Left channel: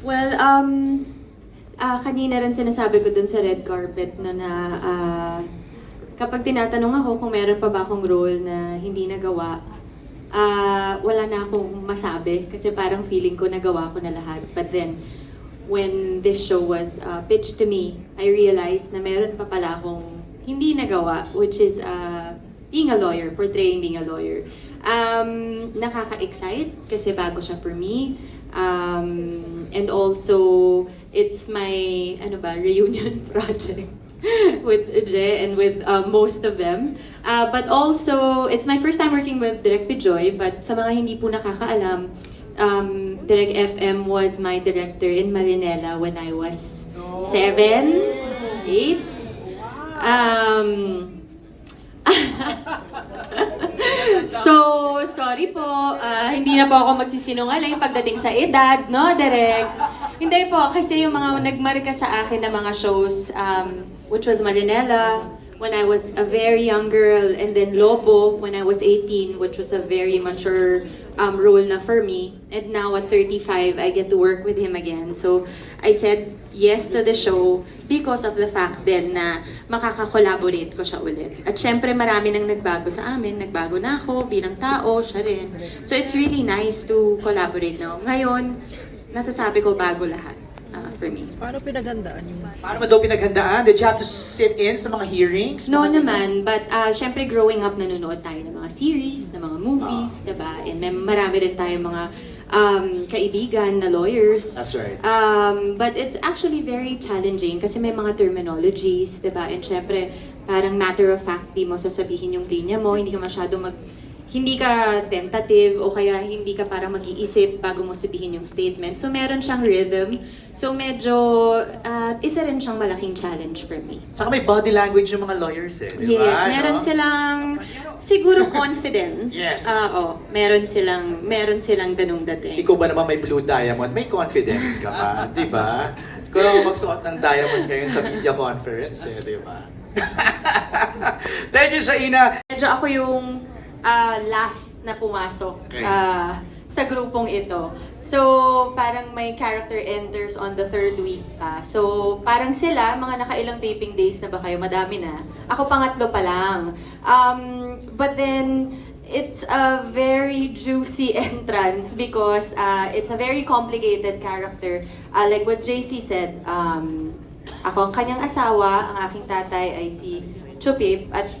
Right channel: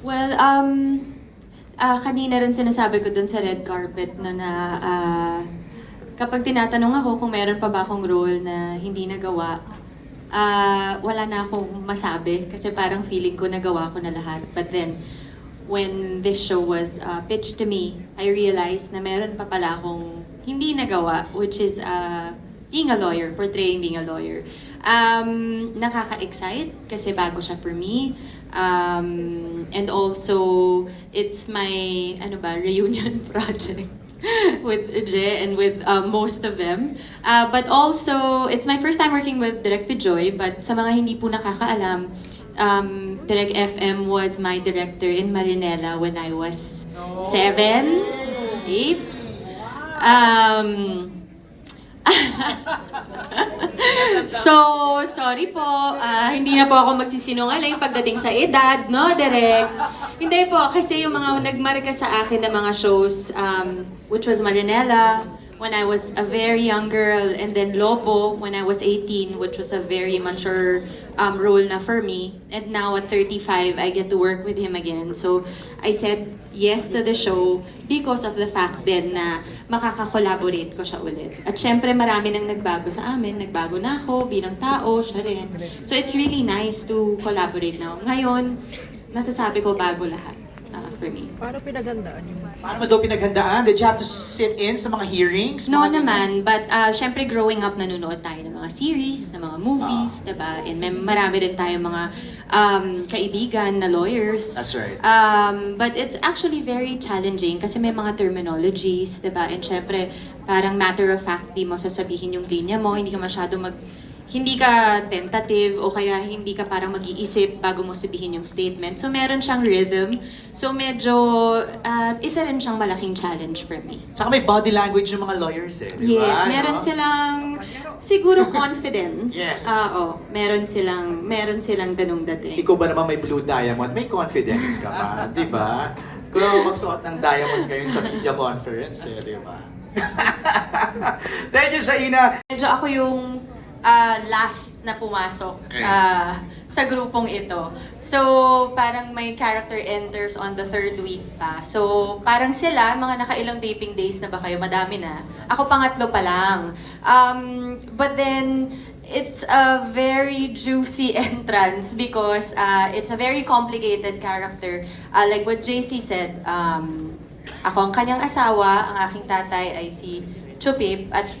Well, kanina rin sinasabi ko dun sa red carpet no, na kapag tinatanong ako kung meron pa ba akong role na hindi nagawa, wala na akong masabi kasi parang feeling ko nagawa ko na lahat. But then, when this show was pitched to me, I realized na meron pa pala akong hindi nagawa, which is being a lawyer, portraying being a lawyer. Nakaka-excite kasi bago siya for me. And also, it's my reunion project with Je and with most of them. But also, it's my first time working with Direk Pijoy, but sa mga hindi po nakakaalam, Direk FM was my director in Marinela when I was 7, 8. So, sorry po, hindi na po ako magsisinungaling pagdating sa edad, no, Direk? Hindi po, kasi yung mga nagmarka sa akin na mga shows, which was Marinela, when I was a very young girl, and then Lobo, when I was 18, which was a very mature role na for me. And now at 35, I get to work with him again. So, I said yes to the show because of the fact din na makaka-collaborate ko siya ulit. At syempre, marami nang nagbago sa amin. Nagbago na ako bilang tao, siya rin. So, it's really nice to collaborate now. Ngayon, nasasabi ko bago lahat for me. Paano pinaghandaan yung... Paano mo daw pinaghandaan? Did you have to sit in sa mga hearings? No naman, but syempre growing up nanonood tayo ng mga series, ng mga movies, diba? And may marami rin tayo mga kaibigan na lawyers. That's right. But it's actually very challenging kasi may mga terminologies, diba? And syempre, parang matter of fact, di mo sasabihin yung linya mo, hindi ka masyadong hindi ka tentative o kaya hindi ka parang mag-iisip bago mo sabihin yung statement. So meron siyang rhythm. So medyo isa rin siyang malaking challenge for me. Saka may body language ng mga lawyers eh, di ba? Yes, meron silang siguro confidence. Yes. Oo, meron silang ganung dating. Ikaw ba naman may blue diamond? May confidence ka pa, di ba? Kung magsuot ng diamond ngayon sa media conference eh, di ba? Thank you, Shaina! Medyo ako yung last na pumasok sa grupong ito. So, parang may character enters on the 3rd week pa. So, parang sila, mga nakailang taping days na ba kayo? Madami na. Ako pangatlo pa lang. But then, it's a very juicy entrance because it's a very complicated character. Like what JC said, ako ang kanyang asawa, ang aking tatay ay si Chupip, at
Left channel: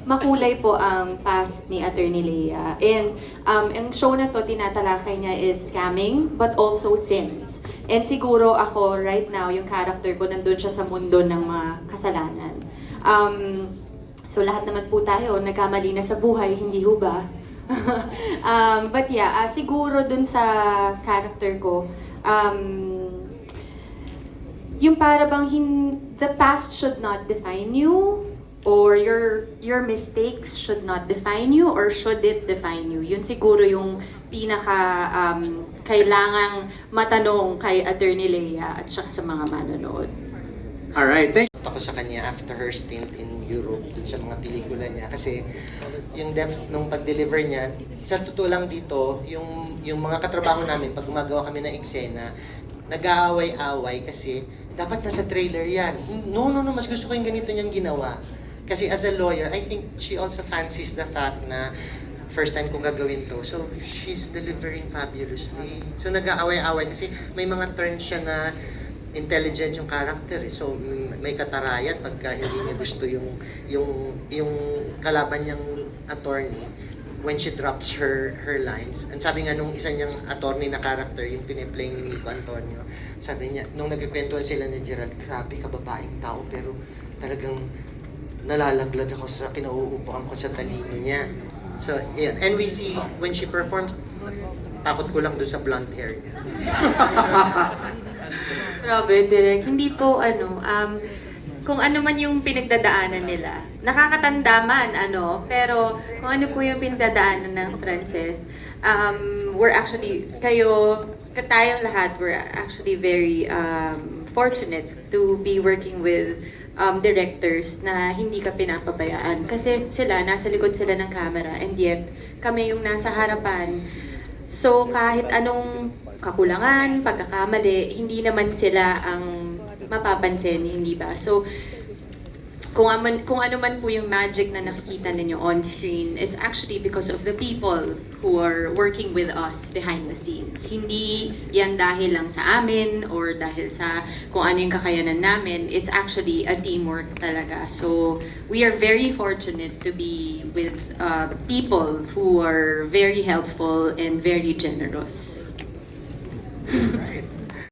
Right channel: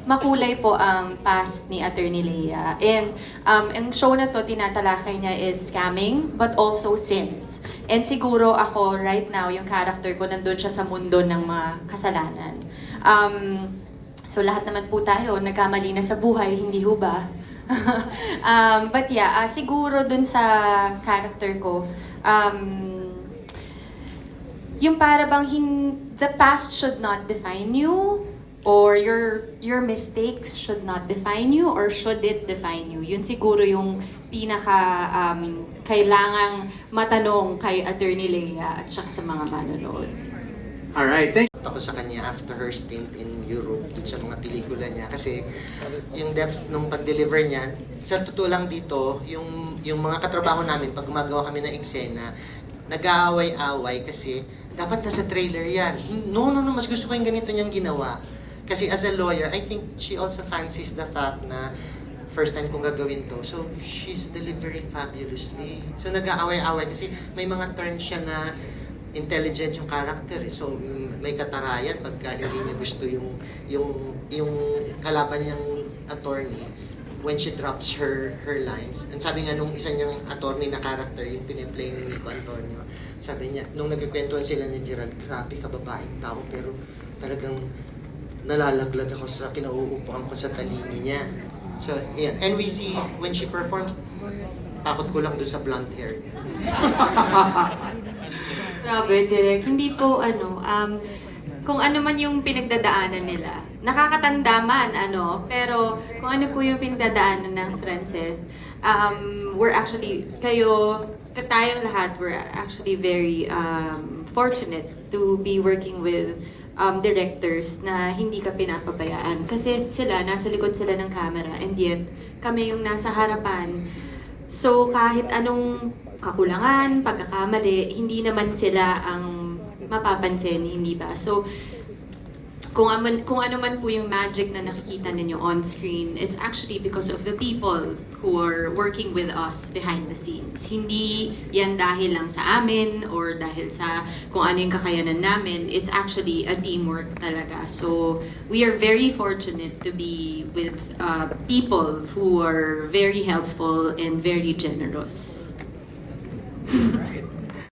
makulay po ang past ni Attorney Lea. And ang show na to, tinatalakay niya is scamming, but also sins. And siguro ako, right now, yung character ko, nandun siya sa mundo ng mga kasalanan. So lahat naman po tayo, nagkamali na sa buhay, hindi ho ba? But yeah, siguro dun sa character ko, yung para bang the past should not define you, or your mistakes should not define you, or should it define you? Yun siguro yung pinaka kailangang matanong kay Attorney Lea at saka sa mga manonood. Alright, thank Ako sa kanya after her stint in Europe, dun sa mga pelikula niya. Kasi yung depth nung pag-deliver niya, sa totoo lang dito, yung mga katrabaho namin, pag gumagawa kami ng eksena, nag-aaway-away kasi dapat nasa trailer yan. No, mas gusto ko yung ganito niyang ginawa. Kasi as a lawyer, I think she also fancies the fact na first time kong gagawin to. So, she's delivering fabulously. So, nag-aaway-away kasi may mga turns siya na intelligent yung character. So, may katarayan pagka hindi niya gusto yung kalaban niyang attorney when she drops her lines. And sabi nga nung isa niyang attorney na character, yung tiniplay ni Nico Antonio, sabi niya, nung nagkikwentuhan sila ni Gerald, grabe ka babaeng tao, pero talagang nalalaglag ako sa kinauupuan ko sa talino niya. So, yeah. And we see, when she performs, takot ko lang doon sa blonde hair niya. Grabe, Direk. Hindi po, kung ano man yung pinagdadaanan nila. Nakakatanda man, pero kung ano po yung pinagdadaanan ng Frances, we're actually, tayong lahat, we're actually very fortunate to be working with directors na hindi ka pinapabayaan. Kasi sila, nasa likod sila ng camera, and yet, kami yung nasa harapan. So, kahit anong kakulangan, pagkakamali, hindi naman sila ang mapapansin, hindi ba? So, kung ano man po yung magic na nakikita ninyo on screen, it's actually because of the people who are working with us behind the scenes. Hindi yan dahil lang sa amin or dahil sa kung ano yung kakayanan namin. It's actually a teamwork talaga. So we are very fortunate to be with people who are very helpful and very generous. Right.